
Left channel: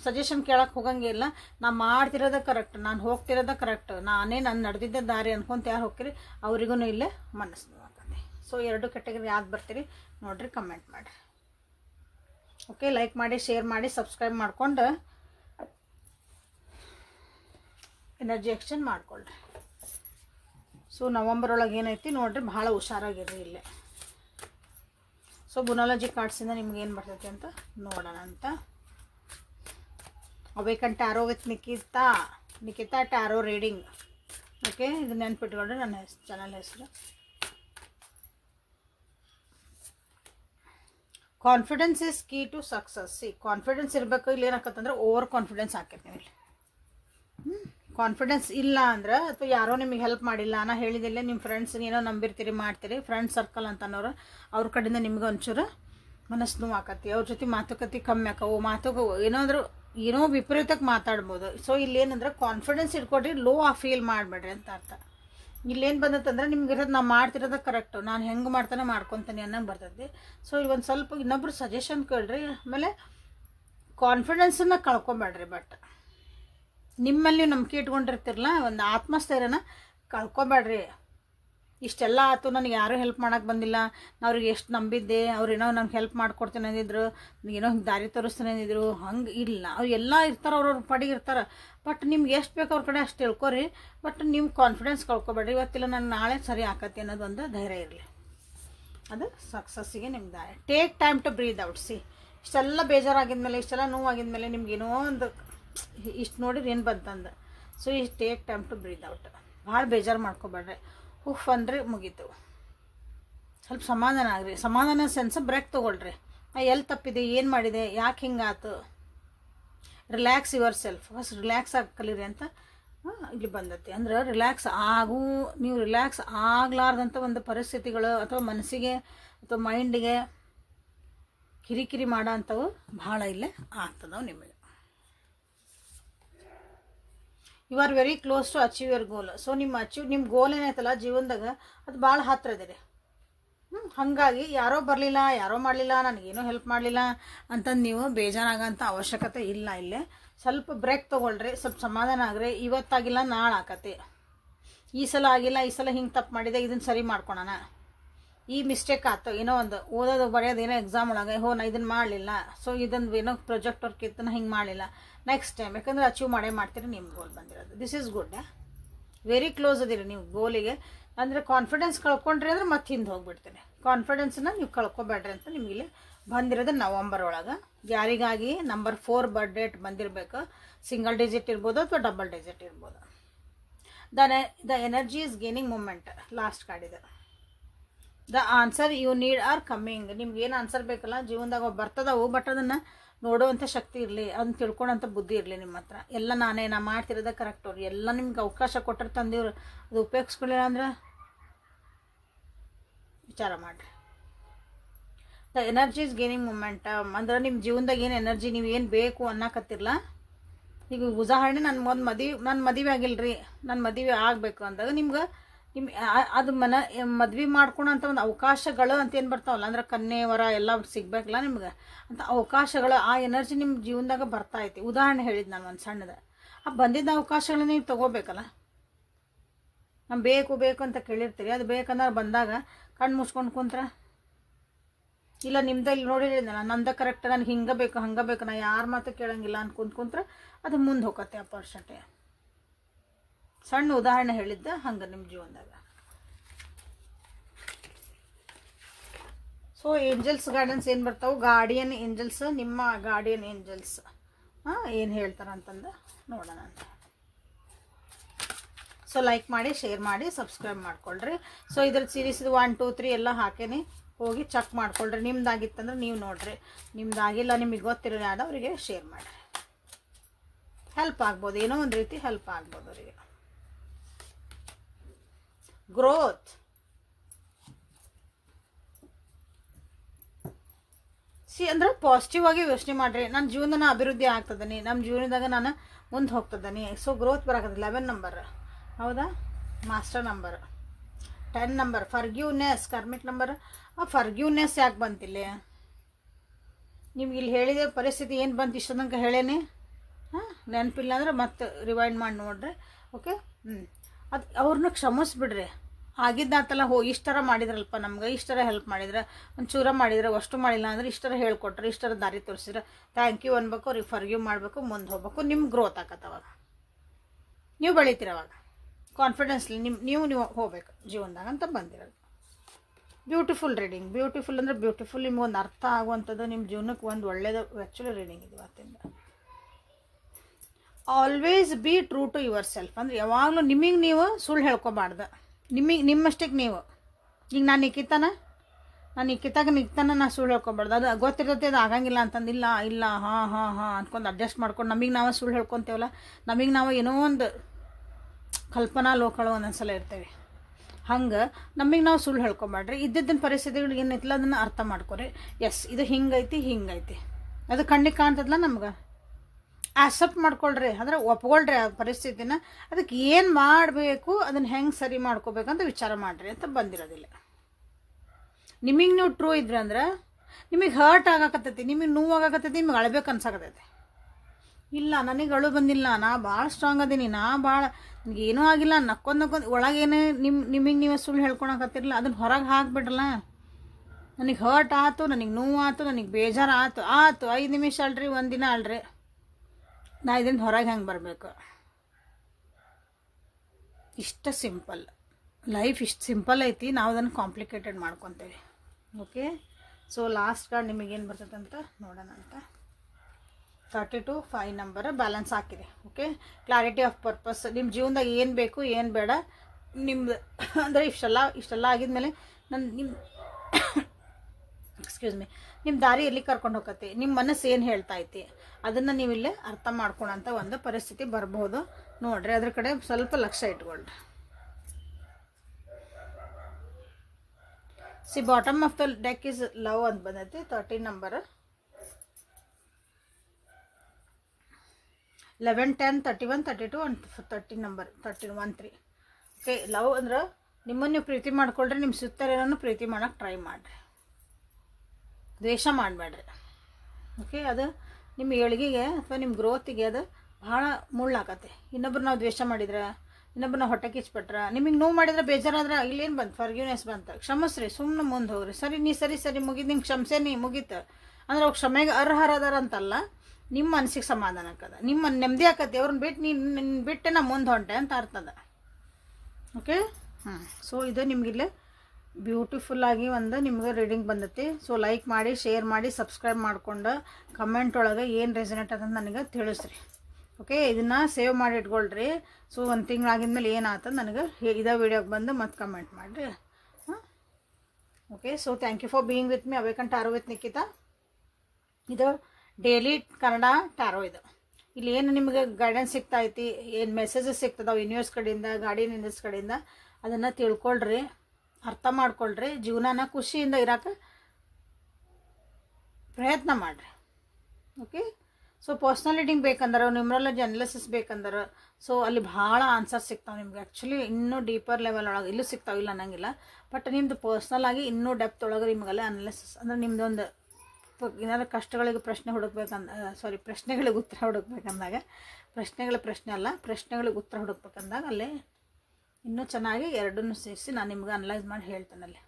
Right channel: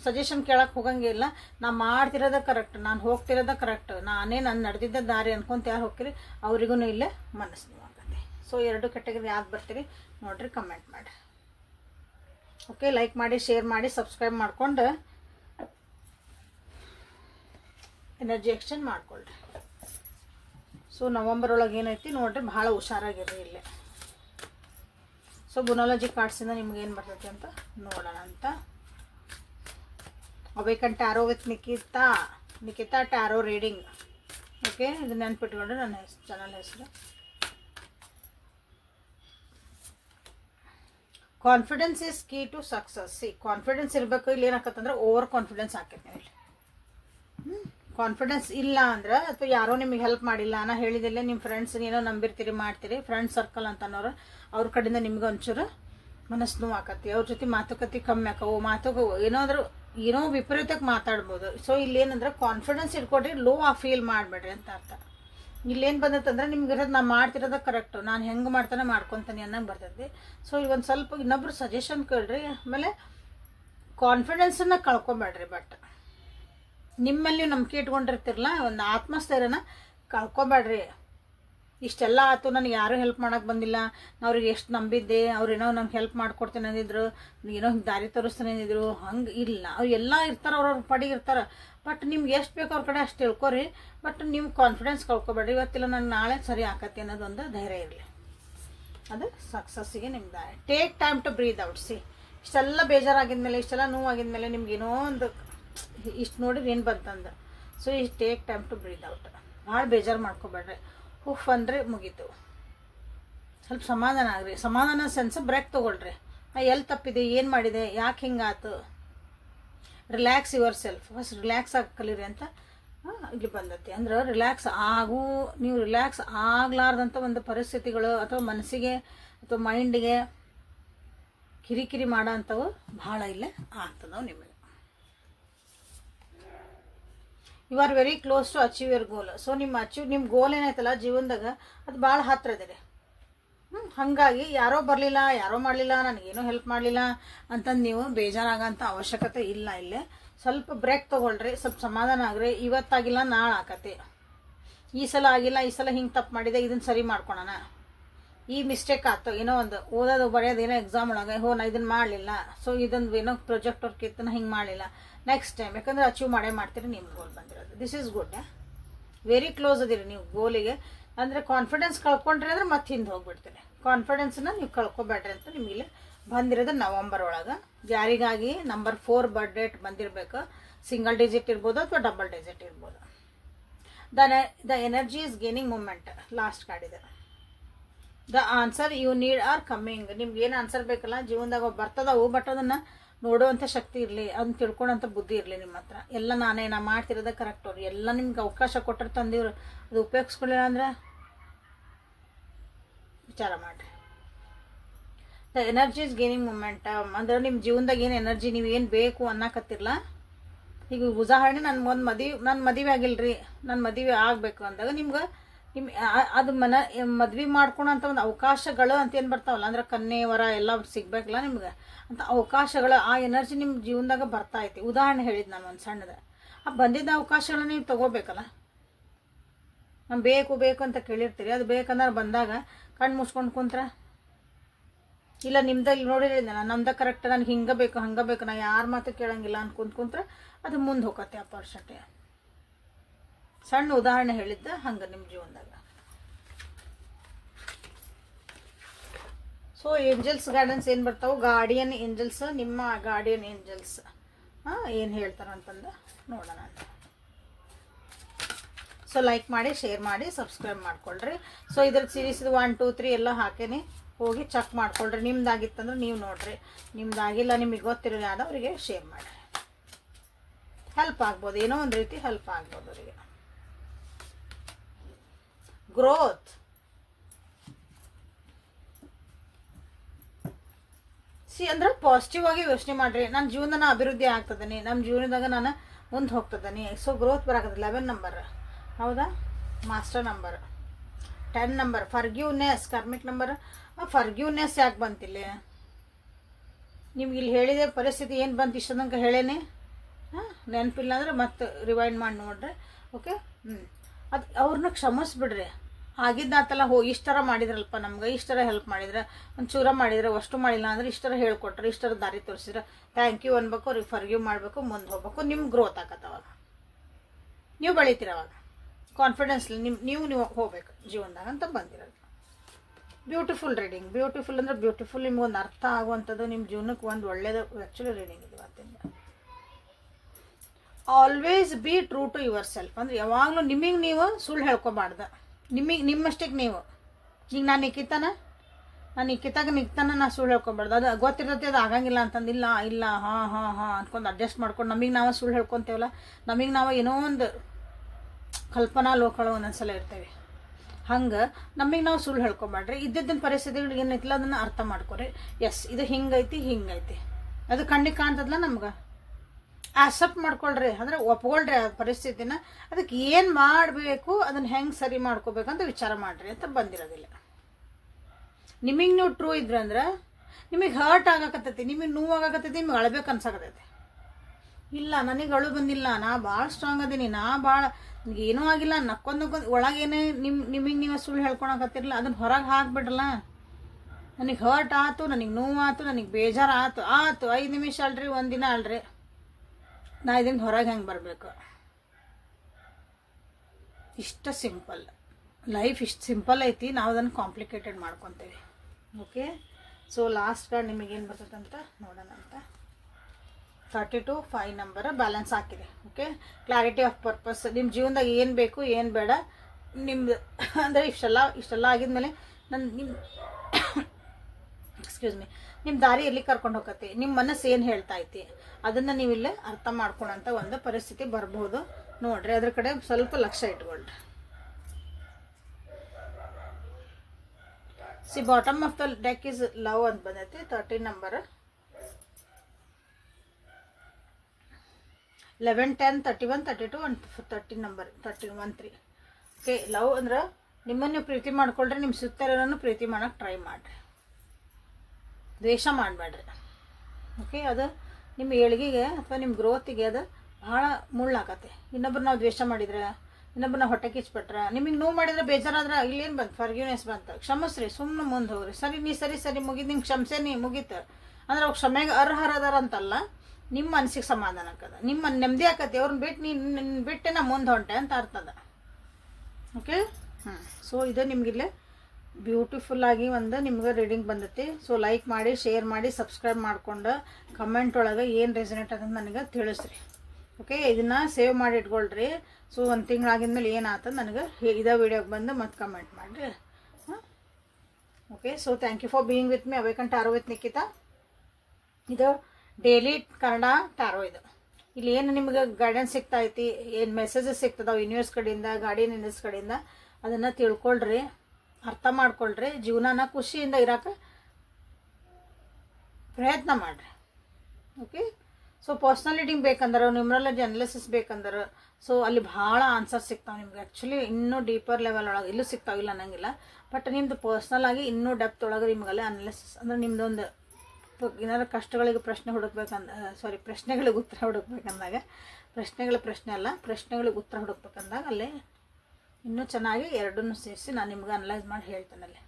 ಸಜೆಷನ್ ಕೇಳಕ್ ಹೋಗಂಗಿಲ್ಲ. ನಾ ಮಾಡ್ತಿರೋದ ಕರೆಕ್ಟ್, ನಾನು ಹೋಗ್ತಿರೋದ ಕರೆಕ್ಟ್, ನಾನೇ ನಾನು ನಡೆದಿದ್ದ ದಾರಿ ಅನ್ಕೊಂತ ಯಾರು ಹೋಗ್ತೀರಿ ಅವ್ರಿಗೂ ಇಲ್ಲೇ ಮನಸ್ಸು ನೋವಾಗತ್ತೆ. ಸೊ 2 ಕೆಟಗರಿ ಯಾವ್ದು ಬರ್ತೀರಿ ನೋಡ್ರಿ, ಕಮೆಂಟ್ ಮಾಡಿ. ಓಕೆ, ಲೈಕ್ ಮಾಡಿ, ಶೇರ್ ಮಾಡಿ, ಸಬ್ಸ್ಕ್ರೈಬ್ ಮಾಡ್ಕೊಂಡು ಎನರ್ಜಿ ಎಕ್ಸ್ಚೇಂಜ್ ಮಾಡ್ಕೊಳ್ರಿ. ಸೊ ನವಂಬರ್ ಒಳಗೆ ಏನೈತಿ ನೋಡ್ರಿ, ಭಾಳ ಹುಷಾರಾಗಿರ್ರಿ ಇಲ್ಲೇ. ಸೊ ಬುನಾಲಜಿ ಕಾರ್ಡ್ಸಿಂದ ನಿಮ್ಗೆ ಏನು ಬರ್ತೈತಿ ಅಂತ ನೋಡೋಣ ಅಂತ. Awaken tarot with Nikita tarot reading. Okay, ಇದು ನೆನ್ಪಿಟ್ಕೊಂಡ್ರೆ ನನ್ನ ಚಾನಲ್ ಹೆಸರು. Confidence is key to success. Confidence ಇರಬೇಕು. ಇಲ್ಲಿ ಏನಾಕತ್ತಂದ್ರೆ ಓವರ್ ಕಾನ್ಫಿಡೆನ್ಸ್ ಆಕೈತಿ. ಇಲ್ಲಿ ಕಾನ್ಫಿಡೆನ್ಸ್ ಇಲ್ಲ ಅಂದ್ರೆ, ಅಥವಾ ಯಾರೋ ನಿಮಗೆ ಹೆಲ್ಪ್ ಮಾಡಿಲ್ಲ, ನಾ ಹೇಳಿದಿಲ್ಲ, ನಿಮ್ಮ ಫ್ರೆಂಡ್ಸ್ ಏನೋ ನಂಬಿರ್ತೀರಿ ಮಾಡ್ತೀರಿ, ಫ್ರೆಂಡ್ ಸರ್ಕಲ್ ಅಂತ ಅನ್ನೋರು, ಅವ್ರ ಕಡೆಯಿಂದ ನಿಮ್ಗೆ ಒಂಚೂರು ಮನಸ್ಸು ನೋವು ಆಕತಿ. ಅವ್ರ ಜೊತೆ ಮಾತುಕತೆ ಕಮ್ಮಿ ಆಕವು, ಏನೋ ವಿಪರೀತಕ್ಕೆ ಮಾತಾಡ್ಬೋದು. ಸೊ ಇಲ್ಲಿ ಏನಂದ್ರೆ ಕಾನ್ಫಿಡೆನ್ಸ್ ಇಟ್ಕೊಡ್ರಿ, ಲೋ ಫೀಲ್ ಮಾಡಬೇಡ್ರಿ ಅಂತ ಅರ್ಥ. ಇಲ್ಲೇನು ಬಂದತ್ತಂದ್ರೆ ನಿಮ್ಗೆ ಇರೋದು ನಾ ಮಾಡ್ತಿರೋದ ಕರೆಕ್ಟ್, ನಾನು ಹೆಂಗೆ ಮಾಡ್ತಾನೆ ಮಾಡ್ಕೊತಾನೆ ಅನ್ನಂಗೆ ಬರ್ತೈತಿ. ಸೊ ಇಲ್ಲಿ ಒಂದು ಸ್ವಲ್ಪ ಇನ್ನೊಬ್ರು ಸಜೆಷನ್ ಕೇಳ್ರಿ. ಆಮೇಲೆ ಕಾನ್ಫಿಡೆನ್ಸನ್ನ ಕಳ್ಕೊಬೇಡ್ರಿ. ಬಟ್ ನಿಮ್ಮಲ್ಲಿ ನಂಬಿಕೆ ಇಟ್ಕೊಂಡಿರ್ತಿರಲ್ಲ, ಒಂದು ಆತ್ಮಸ್ಥೈರ್ಯನ ಕಳ್ಕೊಬೇಡ್ರಿ. ಇಷ್ಟೆಲ್ಲ ಆಯ್ತು, ನನಗೆ ಯಾರೂ ಹೆಲ್ಪ್ ಮಾಡೋಕೆ ಬಂದಿಲ್ಲ, ನಾ ಅವ್ರಿಗೆ ಎಷ್ಟು ನಂಬಿದ್ದೆ, ಅವ್ರೇನೋ ನಂಗೆ ಹೆಲ್ಪ್ ಮಾಡ್ಕೊಡ್ತೀನಿ ಅಂದಿದ್ರು, ಏನೋ ದಾರಿ ತೋರಿಸ್ತಾನೆ ಅಂದಿದ್ರು, ಹಂಗೆ ಇಲ್ಲ. ಅವ್ರು ಎಲ್ಲ ಇರ್ತಾರೆ, ಅವ್ರವ್ರ ಪಡಿಗೆ ಇರ್ತಾರೆ. ಬಟ್ ನಿಮ್ಗೆ ಎಷ್ಟು ಬೇಕು ಅವ್ರ ಕಡೆ ಅಷ್ಟು ತಿಳ್ಕೊರಿ. ಬಟ್ ನೀವು ಕಾನ್ಫಿಡೆನ್ಸ್ ಕಳ್ಕೊಬೇಡ್ರಿ. ಇವತ್ತಿಲ್ಲ ನಂಗೆ ನಾಳೆ ಸರಿ ಆಕತಿ ಅನ್ನೋದೊಂದು ಧೈರ್ಯ ಇರಲಿ. ಅದು ಸಕ್ಸಸ್ಸಿಗೆ ನಿಮ್ಗೆ ದಾರಿ. Take time to breathe out. ಇಷ್ಟೆಲ್ಲ ಬೇಜಾರಾಗಿದ್ಮೇಲೆ, ಇಷ್ಟೆಲ್ಲ ನೋವಾಗಿದ್ಮೇಲೆ ನಿಮ್ಗೇನೋ ಒಂದು ಇಷ್ಟು ನೋಡಿದ್ರೆ ಏನು ಬಂತಂದ. ಸೊ ಈ take time to breathe out. ಭಾಳ ಬೇಜಾರು ಮಾಡ್ಕೊಬೇಡ್ರಿ. ಉಫ್ ಅಂದರೆ ಮುಗೀತು. ಸ್ವಲ್ಪ ಸಮಾಧಾನ ಆಗ್ರಿ. ಸಮಾಧಾನ ಸೆನ್ಸ್ ಬ್ರೇಕ್ ತೊಗೊಳ್ರಿ. ನಾ ಎಲ್ಲಿ ತಪ್ಪಿದೆ, ಏನು ಮಾಡಿದೆ, ಯಾಕೆ ಹಿಂಗಾತು. Relax yourself. First relax ಆಗಿ ಕಲೀರಿ ಅಂತ ಇಲ್ಲಿ ಬಂದತಿ. ಅಂದ್ರೆ ರಿಲ್ಯಾಕ್ಸ್ ನೀವು ರಿಲ್ಯಾಕ್ಸ್ ಆಗ್ಲಾರ್ದಂಥ ಒಂದು ಪರಿಸ್ಥಿತಿಗಳು ಅಥವಾ ಮನಸ್ಸಿಗೆ ಅಥವಾ ಮೈಂಡಿಗೆ ಕಿರಿಕಿರಿ ಮಾಡೋ ಅಂಥವು ಭಾಳ ಇಲ್ಲೇ ಆಗ್ತದವು ನಿಮಗೆ. You are very close to achieve your goal. So ನಿಮ್ಮ ಗೋಲ್ ಏನಾಯ್ತಲ್ಲ ಜೀವನದಾಗ ಅದು ಭಾಳ ಹತ್ರ ಇದೆ. ಹಾಗಾಗಿ ಯಾರೋ ಬರಲಿಲ್ಲ, ಯಾರೋ ಮಾಡಲಿಲ್ಲ, ನನಗೇನೋ ಹೆಲ್ಪ್ ಮಾಡಲಿಲ್ಲ ಅಂತಂದು ನೀವು ಬೇಜಾರಾಗೋಂಥ ಅವಶ್ಯಕತೆ ಇಲ್ಲ. ಇಲ್ಲೇ ಸ್ವಲ್ಪ ಬ್ರೇಕ್ ತೊಗೊಳ್ರಿ, ಸ್ವಲ್ಪ ಸಮಾಧಾನ ಆಗ್ರಿ. ಇವತ್ತಾಗಿಲ್ಲ ನಾಳೆ ಆಕತಿ. ಈ ಸಲ ಆಗಿಲ್ಲ, ಈ ಸಲ ಹಿಂಗೆ ತಪ್ಪು ಮಾಡಿದೆ, ಇದನ್ನು ಸರಿ ಮಾಡ್ಕೊಳೋಣ. ಈ ಮಿಸ್ಟೇಕ್ ಆಯ್ತು, ಏನೋ ಒಂದು ಓದೋದು ಬರೆಯೋದು ಏನೋ ಎಕ್ಸಾಮ್ ಒಳಗೆ ನಾ ಇದನ್ನು ಮಾಡಲಿಲ್ಲ, ಸೊ ಇದೊಂದು ಏನೋ ಪ್ರಾಜೆಕ್ಟ್ ವರ್ಕ್ ಇತ್ತು ನಾ ಹಿಂಗೆ ಮಾಡಲಿಲ್ಲ, ನೆಕ್ಸ್ಟ್ ಟೈಮ್ ಯಾಕಂದ್ರೆ ಅಚೀವ್ ಮಾಡೇ ಮಾಡ್ತೀರಿ. ನಿಮ್ಮ ಗೋಲ್ ಬಂದಿರೋದು this is good. Very close ಅದಿರಿ ನೀವು ಗೋಲಿಗೆ. ಅಂದರೆ ಕಾನ್ಫಿಡೆನ್ಸ್ ಕಳ್ಕೊಂಡ್ರಿ ಅಂದ್ರೆ ಮತ್ತೆ ಹಿಂದೆ ಹೋಗ್ಬಿಡ್ತೀರಿ. ಕಾನ್ಫಿಡೆನ್ಸ್ನ ನೀವು ಕಳ್ಕೊಬೇಡ್ರಿ ಅಂತ ನಿಮಗಿಲ್ಲಿ ಬಂದಿರೋದು ನವಂಬರ್ ಒಳಗೆ. ಯಾರಿಗಾಗಿ ನಂಬರ್ 4 ಬರ್ತ್ ಡೇಟ್ ಬಂದಿರಬೇಕು. ಸಿಂಗಲ್ ಡಿಜಿಟ್ ಇರ್ಬೋದು ಅಥವಾ ಡಬಲ್ ಡಿಜಿಟ್ ಇರ್ಬೋದು. The energy is gaining moment. Last card ಇದೆ. The answer you need are coming. ನಿಮ್ಗೆ ಏನು ಆನ್ಸರ್ ಬೇಕಲ್ಲ ಜೀವನದಾಗ ಬರ್ತದವು, ಬಟ್ ಅದನ್ನು ನೋಡುವಂಥ ಶಕ್ತಿ ಇರಲಿ, ಅದನ್ನ ತಿಳ್ಕೊಳ್ಳೋಂಥ ಬುದ್ಧಿ ಇರಲಿ ನಿಮ್ಮ ಹತ್ರ. ಎಲ್ಲ ನಾ ಮಾಡ್ತಿರೋದ ಕರೆಕ್ಟ್. ಅವ್ರು ಎಲ್ಲ ನಿಮ್ಗೆ ಅವಕಾಶ ಕೊಟ್ಟರೆ ತಂದಿವ್ರು, ಅದು ಉಪಯೋಗಿಸ್ಕೊಳ್ಳಿಲ್ಲ ಅಂದ್ರೆ ವಿಚಾರ ಮಾಡಿರಿ. The energy is gaining momentum. ಅಂದ್ರೆ ನಿಮ್ಮ ಜೀವನದಾಗ ಏನು ಎನರ್ಜಿ ನೀವು ಏನು ಬೇಕು ಅನ್ನಕತ್ತಿರಲ್ಲ. ಈಗ ಉದಾಹರಣೆ ನನ್ನ ಮದುವೆ ಆಗಿಲ್ರಿ, ನನ್ನ ಮದುವೆ ಆಗಬೇಕು ಅಂದಾಗ ನಿಮ್ಗೆ ಅದು ಮದ್ವೆ ಮಾಡ್ಕೊಳಂಥ ಒಂದು ಅವಕಾಶಗಳು ಅಂತ ಏನು ಬರ್ತಾವಲ್ಲ, ಅಂದ್ರೆ ಕನ್ಯೆ ವರ ಎಲ್ಲ ಸಿಗ್ಬೇಕಲ್ಲ ನಿಮ್ಗೆ ಅಂತ ಅವಕಾಶಗಳು. ಆ ಎನರ್ಜಿ ನಿಮ್ಮ ಜೀವನದಾಗ ಬರ್ತಾ ಐತಿ. ಉದಾಹರಣೆ ಹೇಳಿದ್ ನಾನು ಒಂದು ಸಣ್ಣದ. ಆ ಬಂದಿದ್ದ ಅವಕಾಶಗಳನ್ನ ನೀವು ತಗೋಬೇಕಲ್ಲ. ನಾನು ಬೇಕು ಅಂತ ಕೇಳಿರ್ತೀರಿ, ಅದು ಬೇಕಂದ್ರೆ ಬಂದಾಗ ಕಣ್ಣು ಮುಚ್ಕೊಂಡು ಕುಂತ್ರ ಇಲ್ಲ. ನಿಮ್ದಲ್ಲಿ ನೋಡಿರಿ ನಂದ ಕರೆಕ್ಟ್, ನನಗೆ ಹಿಂಗೆ ಬೇಕು ಹಂಗೆ ಬೇಕು, ನಾ ಯಾರ ಮಾತು ಕೇಳಂಗಿಲ್ಲ ಅನ್ಕೊಂತ ಕುಂತ್ರ ಅದು ಮುಂದೆ ಹೋಗತ್ತೆ ಅಪರ್ಚುನಿಟಿ. ಸಣ್ಣ ಉದಾಹರಣೆ ಹೇಳಿದ್ದ ಹಂಗೆ ನಿಮ್ಮ ಜೀವನದಾಗ. ಸೊ ಏಂಜಲ್ಸ್ ಗೈಡೆನ್ಸ್ ಏನು ಬರ್ತಾವೆ, ಗಾರ್ಡಿಯನ್ ಏಂಜಲ್ಸ್, ನಿಮ್ಮ ಗಾರ್ಡಿಯನ್ ಏಂಜಲ್ಸ್ ಏನು ಹೇಳ್ತಾರೆ ಅಂತಂದು ನೋಡೋಣ. ಸೊ ಲೈಕ್ ಮಾಡಿ, ಶೇರ್ ಮಾಡಿ, ಸಬ್ಸ್ಕ್ರೈಬ್ ಮಾಡ್ಕೊಳ್ರಿ. ಸೊ ಇದ್ರ ಸೀರೀಸ್ದು 1 2 3 ಎಲ್ಲ ಹಾಕೇನಿ, ಹೋಗಿ ಚೆಕ್ ಮಾಡ್ಕೊಳ್ರಿ. ನಿಮ್ದಾಗಿತ್ತಂದ್ರೆ ನೀವು ನೋಡ್ರಿ, ನಿಮ್ದಾಗಿಲ್ಲ ನಿಮಗೆ ಗೊತ್ತಿರೋದು ಯಾವ್ದು ಅವರಿಗೆ ಶೇರ್ ಮಾಡಿ. ಹೆಲ್ಪ್ ಆಗ್ಬೋದು, ಏನೋ ಒಂದು ರೀತಿ ಹೆಲ್ಪ್ ಆಗ್ಬೋದು ಅವರಿಗೆ. ಗ್ರೋತ್. ಅಂದ್ರೆ ಪಾಸಿಟಿವ್ ಆಗಿ ಯೋಚನೆ ಮಾಡ್ರಿ. ನನ್ನ ಜೀವನ ಅಭಿವೃದ್ಧಿ ಆಗ್ತದನಿ, ನಮ್ಮ ಜೀವನದಾಗ ನಾನು ಮುಂದೆ ಹೋಗ್ತದನಿ. ಸೊ ಗ್ರೋತ್ ಬರಾಕದ. 11 ನಂಬರ್ ಹೌದಾ, master number. 10 number forgiveness, karmic number. Forgiveness ಯಾಕೆ ಬಂತಿಲ್ಲ ನಿಮ್ಗೆ? ಇಲ್ಲಿ ಹೇಳಿದೆ ಪರಿಸ್ಥಿತಿ ಏನು ಬಂತು ಇಷ್ಟ ತನಕ ಹೇಳೇನಿ. ನೆನಪಿಲ್ಲ ಅಂದ್ರೆ ಮತ್ತೆ ರಿವೈಂಡ್ ಮಾಡಿ ನೋಡ್ರಿ. ಓಕೆ, ಅದು ಅವ್ರನ್ನ ಕ್ಷಮಿಸ್ಬಿಡ್ರಿ. ಆಗಿದ್ದಾತಲ್ಲ, ಇಷ್ಟರ ಮಾಡಿದ್ರಲ್ಪ ನಮ್ಗೆ, ಇಷ್ಟರ ಹೆಲ್ಪ್ ಮಾಡಿದ್ರೆ, ಒಂಚೂರ ಮಾಡಿದ್ರೆ, ಅಷ್ಟು ಮಾಡಿಲ್ಲ ಅಂದ್ರೆ ಇಷ್ಟರ ಹೇಳ್ಕೊಟ್ರೆ, ಇಷ್ಟರ ದಾರಿ ತೋರಿಸಿದ್ರೆ ಥ್ಯಾಂಕ್ ಯು ಅನ್ಬೇಕು, ಅವ್ರಿಗೆ ಫರ್ಗ್ಯೂ ಮಾಡಬೇಕು, ಮುಂದೆ ಹೋಗ್ಬೇಕು. ನಿಮ್ಗೆ ಗ್ರೋತ್ ಆಗತ್ತವಾಗ, ನೀವು ಬೆಳಿತೀರ ಅವಾಗ. ಕಾನ್ಫಿಡೆನ್ಸ್ಲಿ ನೀವು ಹೋಗ್ಬೇಕು ಜೀವನದಾಗ ಅಂತ ಬಂದಿರೋದು. Beautiful reading. ಬ್ಯೂಟಿಫುಲ್ ಅಂದರೆ ಬ್ಯೂಟಿಫುಲ್, ನಿಮ್ಗೊಂದು ಅರ್ಥ ಆಗುವಂಥದ್ದು, ನಿಮ್ಮ ಜೀವನಕ್ಕೆ ಒಂದು ಒಳ್ಳೇದು ಆ್ಯಕ್ಚುಲಿ ರೀಡಿಂಗ್ ಇದೆ ಇವತ್ತಿಂದ. Always be true to yourself. ಅಂದ್ರೆ ಯಾವಾಗಲೂ ನಿಮಗೆ ನೀವು ಸುಳ್ಳು ಹೇಳ್ಕೊಬಾರ್ದು. ನಿಮ್ಮಷ್ಟಕ್ಕೆ ನೀವು. ಈಗ ನಾನು ನಿಕ್ಕಿತಾಗ ನಾ ಸುಳ್ಳು ಹೇಳ್ಕೊಬಾರ್ದು. ಅದು ಗೊತ್ತಿರ್ತೈತೆ, ಅದು ಆಗಂಗಿಲ್ಲ ಅಂತಂದಿಲ್ಲ. ಇಲ್ಲ ಹಾಂ ಅಂದ್ಕೊಂಡು ಅಡ್ಜಸ್ಟ್ ಮಾಡ್ಕೊಂಡು ನಮಗೆ ನಾವು ಸುಳ್ಳು ಹೇಳ್ಕೊತೇವಲ್ಲ, ನಮಗೆ ನಾವು ಏನೋ ಒಂದು ಕಲ್ಪನಾ ಲೋಕಗಳು ಒಂದೊಂದ್ಸಲ ಇರ್ತೇವೆ. ಹಂಗೆ ನಮಗೆ ನಾವು ಸುಳ್ಳು ಹೇಳ್ಕೊಬೇಡ್ರಿ. ಇದ್ದಿದ್ದಿನ ಪರಿಸ್ಥಿತಿಗಳಿಗೆ ಏನೈತಿಲ್ಲ ಅದನ್ನು ಅರ್ಥ ಮಾಡ್ಕೊರಿ. ಎಸ್ ಇದು ಹಿಂಗೈತಿ, ಅದು ಕಣ್ಣಿಗೆ ಕಾಣ್ತದಲ್ಲ ನಮ್ಗೆ, ಆಕ್ಸೆಪ್ಟ್ ಮಾಡ್ಕೊಳ್ರಿ. ಅಂದ್ರೆ ಒಪ್ಕೊಳ್ರಿ ಆ ಪರಿಸ್ಥಿತಿನ. ಅದಕ್ಕೆ ಏನು ಮಾಡಬೇಕು, ಅದನ್ನ ಹೆಂಗೆ ಸರಿ ಮಾಡ್ಕೋಬೇಕಂತ ವಿಚಾರ ಮಾಡ್ರಿ ಅಂತ ಬಂದಿರೋದಿಲ್ಲ. ನಿಮಗೆ ನೀವು ಟ್ರೂ ಇದ್ರಿ ಅಂದ್ರೆ ನಿಮಗೆ ಹರ್ಟ್ ಆಗಾಕತ್ತೈತಿ, ನಿಮಗೆ ನೋವು ಆಗಾಕತ್ತೈತಿ, ನಿಮ್ಗೆ ಅಳ್ಬೇಕು ಅನ್ಸಾಕತ್ತೈತಿ. ಇಲ್ಲ ನನಗೆ ಅಳು ಬಂದಿಲ್ಲ, ನಾ ಭಾಳ ಸ್ಟ್ರಾಂಗ್ ಅದೀನಿ, ನಾ ಭಾಳ ಏನೂ ಆಗಿಲ್ಲ, ನಕ್ಕೊಂದು ಒಳಗೇನೆ ನಿಮಗೆ ನೀವೇ ಸುಳ್ಳು ಹೇಳ್ಕೊಳಕತ್ತಿರಲ್ಲ, ಅದನ್ನ ಹೊರಗೆ ಹಾಕ್ಬಿಡ್ರಲ್ಲ. ನನಗೆ ಹರ್ಟ್ ಆಯ್ತು, ನನಗೆ ನೋವು ಆಯ್ತು, ನನಗೆ ಬೇಜಾರು ಆಯ್ತು 5 ನಿಮಿಷ ಅಲ್ರಿ, 1 ದಿನ ಅಲ್ರಿ, ನಾ ಇದರಿಂದ ಹೊರಗೆ ಹೆಂಗೆ ಬರಬೇಕು. ಇಷ್ಟ ಸಿಂಪಲ್ ಲೈಫ್, ಇಷ್ಟು ಸಿಂಪಲ್ ಐತಿ, ನಾವು ಅದನ್ನು ಕಾಂಪ್ಲಿಕೇಟೆಡ್ ಮಾಡ್ಕೊತೇವೆ. ಓಕೆ, ಸೊ ಲಾಸ್ಟ್ ಕಾರ್ಡ್ ನಿಮಗೇನು ಬರ್ತದಂತ ನೋಡೋಣ ಅಂತ. 32 5 ನಂಬರ್ ಬ್ಯಾಲೆನ್ಸ್ ಹಾಕಿದೆ. Okay. Okay, clarity of purpose, ನಿಮ್ಮ ಜೀವನದಾಗ ಏನು ಬೇಕು ಏನು ಬೇಡ ನಿಮ್ದು ಅಂದರೆ ಇಷ್ಟೆಲ್ಲ ಆಗಿದ್ಮೇಲೆ ನಿಮ್ಮ ಎಕ್ಸ್ಕ್ಯೂಸ್ ಮೀ, ನಿಮ್ಮ ದಾರಿ ಎಲ್ಲಿ ಕರ್ಕೊಂಡು ಹೋಗತ್ತೆ, ನಿಮ್ಮ ಮನಸ್ಸು ಏನು ಹೇಳ್ತಾ ಐತಿ ಅದನ್ನು ನೀವಿಲ್ಲೇ ಅರ್ಥ ಮಾಡ್ಕೊಳಂಥ ಒಂದು ಪರಿಸ್ಥಿತಿ ಬರ್ಬೋದು. ನೋಡ್ರಿ ಅದ್ರ ಕಡೆ ಸ್ವಲ್ಪ ಲಕ್ಷ್ಯ ಇಟ್ಕೊಳ್ರಿ. See bottom of the deck is love ಅಂತ ಬಂದೈತಿ, 13 ನಂಬರ್, 11, 10, 31, 32 and 13 ನಂಬರ್, 13. ಓಕೆ, ಲವ್ ಅಂದ್ರೆ ನಿಮ್ಮನ್ನು ನೀವು ಪ್ರೀತಿ ಮಾಡ್ಕೊಳ್ರಿ, ನಿಮ್ಮ ಸುತ್ತರೋರನ್ನು ಪ್ರೀತಿ ಮಾಡೋಕೆ ಟ್ರೈ ಮಾಡಿರಿ, ದ್ವೇಷ ಮಾಡಬೇಡ್ರಿ. ಓಕೆ, ಅದು ನಿಮ್ಮ ಏಳಿಗೆಗೆ ಅಥವಾ ನಿಮ್ಮ ಗ್ರೋತಿಗೆ ಅದು ಭಾಳ ಮುಳ್ಳಾಕತ್ತೆ. ಇನ್ನೊಬ್ರು ನಾವು ದ್ವೇಷ ಮಾಡಿದ್ರೆ, ಇನ್ನೊಬ್ರು ನಾವು ಹೊಟ್ಟೆ ಕಿಚ್ಬಿಟ್ರೆ, ನಿಮಗೆ ನೋವು ಮಾಡಿದ್ರೆ ಬೇಜಾರಾದ್ರೆ ಇಲ್ಲೇನು ಬಂತು, ಫರ್ಗಿವ್ನೆಸ್ ಬಂತು, ಕ್ಷಮಿಸ್ರಿ, ಸುಮ್ಮನೆ ಮುಂದೆ ಹೋಗ್ರಿ. ಸರಿ ಮುಗಿದು ನಿಮ್ಗೆ ಕ್ಷಮಿಸೇನಿ ಮುಗೀತು ಅಂದ್ರೆ ಅವ್ರು ಕ್ಷಮೆಗೆ ಅರ್ಹರದಾರ ಅಂತಲ್ಲ, ನಿಮ್ಮ ಮನಸ್ಸಿಗೆ ಸಮಾಧಾನ ಆಕದ, ನಿಮ್ಮ ನೆಮ್ಮದಿ ಆಕತಿ, ಅವ್ರನ್ನ ಬಿಟ್ಟೆ ನಾ ಮುಂದೆ ಹೊಂಟೆ ಅಂತ ಅರ್ಥದ. ಓಕೆ, ಸೊ ಇದು ನಿಮಗಿಲ್ಲೇ ಬ್ಯೂಟಿಫುಲ್ ಆಗಿ ಒಂದು ನಿಮ್ಗೆ ರೀಡಿಂಗ್ ಬಂದೈತಿ. ಸೊ ಲೈಕ್ ಮಾಡಿ, ಶೇರ್ ಮಾಡಿ, ಸಬ್ಸ್ಕ್ರೈಬ್ ಮಾಡ್ಕೊಂಡು ಕಮೆಂಟ್ ಒಳಗೆ ಏನು ರೆಸನೇಟ್ ಅದ ನನಗೆ ತಿಳಿಸ್ರಿ. ಓಕೆ, ಇದನ್ನ ಸೇವ್ ಮಾಡಿ ಇಟ್ಕೊಳ್ರಿ. ಸೊ 1 ತಿಂಗಳಾಗಿದ್ಮೇಲೆ ಏನಾಗ್ತದೆ ನನಗೆ ಇದೇ ವಿಡಿಯೋಗೆ ಬಂದು ಮತ್ತೆ ಕಮೆಂಟ್ ಮಾಡಿರಿ. Okay, so thank you for being with me. Awaken tarot with Nikhita. ಇದು ಡೈಲಿ ಕನ್ನಡ ಟಾರೋ. ಇದು ಇಲ್ಲಿ ಏನು ನಿಮಗೆ ಗೈಡೆನ್ಸ್ ಸಿಗ್ತಾ ಐತಿ, ಏನು ಮೆಸೇಜಸ್ ಸಿಗ್ತದಾವೆ ಯೂನಿವರ್ಸ್ ಕಡೆಯಿಂದ, ಗಾರ್ಡಿಯನ್ ಏಂಜಲ್ಸ್ ಕಡೆಯಿಂದ, ಅದನ್ನು ತಿಳ್ಕೊಳ್ರಿ, ಅರ್ಥ ಮಾಡ್ಕೊಳ್ರಿ, ಜೀವನನ ಖುಷಿಯಿಂದ ಇರೋಕೆ ಪ್ರಯತ್ನ ಮಾಡಿರಿ. ಓಕೆ, ಸೊ ಪರ್ಸ್ನಲ್ ರೀಡಿಂಗ್ ಬೇಕಂದ್ರೆ, ನ್ಯೂಮರಾಲಜಿ ಅನಾಲಿಸಿಸ್ ಬೇಕಂದ್ರೆ, ಸೊ ಅಲ್ಲಿ ಭಾಳ ಆನ್ಸರ್ ಸಿಗ್ತಾವೆ ನಿಮ್ಗೆ. ಆ್ಯಕ್ಚುಲಿ ಇನ್ನೂ ಡೀಪರ್ ಲೆವೆಲ್ ಒಳಗೆ ಇಲ್ಲೂ ಸಿಗ್ತಾವಿಲ್ಲ ಅನ್ನಂಗಿಲ್ಲ, ಬಟ್ ನಿಮ್ದು ಪರ್ಸ್ನಲ್ ಆಗಿ ಇನ್ನೂ ಡೆಪ್ತ್ ಒಳಗೆ ನಿಮ್ಗಲ್ಲೇ ಅನಾಲಿಸಿಸ್ ಅಂದ್ರೆ ನಿಮ್ದೊಂದು ಏನಾದ್ರು ಕಷ್ಟಗಳಿಗೆ ಪ್ರಶ್ನೆಗಳಿಗೆ ಉತ್ತರ ಹುಡುಕ್ಬೇಕಂದಾಗ, ಪ್ರಶ್ನೆಗಳಿಗೆ ಉತ್ತರ ಹುಡುಕ್ಬೇಕಂದಾಗ ಅಲ್ಲೇ ಇನ್ನೂ ಚೆನ್ನಾಗಿ ಎರಡನ್ನೂ ಸೇರಿಸಿ ನಾನು ನಿಮ್ಗೆ ಅನಲೈಸ್ ಮಾಡಿ ಹೇಳ್ತೇನೆ ಅಲ್ಲಿ.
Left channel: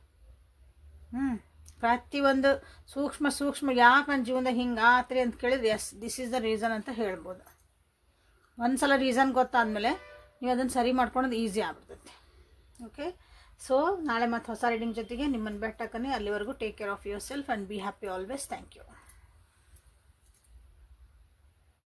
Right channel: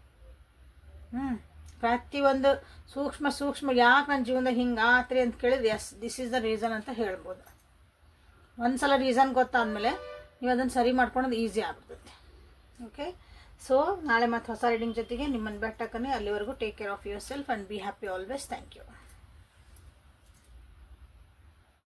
ಪ್ರತಿಯೊಂದು ಸೂಕ್ಷ್ಮ ಯಾಕೆ ನನ್ನ ಜೀವನದಾಗ ಹಿಂಗೆ ಆತ್ರಿ ಅಂತ ಕೇಳಿದ್ರೆ, yes this is the reason ಅಂತ ಹೇಳ್ಬೋದು. ಒಂದ್ಸಲ ರೀಸನ್ ಗೊತ್ತಾದ್ಮೇಲೆ ನೀವು ಅದನ್ನು ಸರಿ ಮಾಡ್ಕೊಳ್ಳೋದು ಈಸಿ ಆಗ್ಬಿಡ್ತೈತಿ. ಓಕೆ, ಸೊ ನಾಳೆ ಮತ್ತೆ ಹೊಸ ರೀಡಿಂಗ್ ಜೊತೆಗೆ ನಿಮ್ಮನ್ನು ಬೆಟ್ಟಕ್ಕನೆ. ಅಲ್ಲಿವರೆಗೂ take care of yourself and be happy always. Thank you.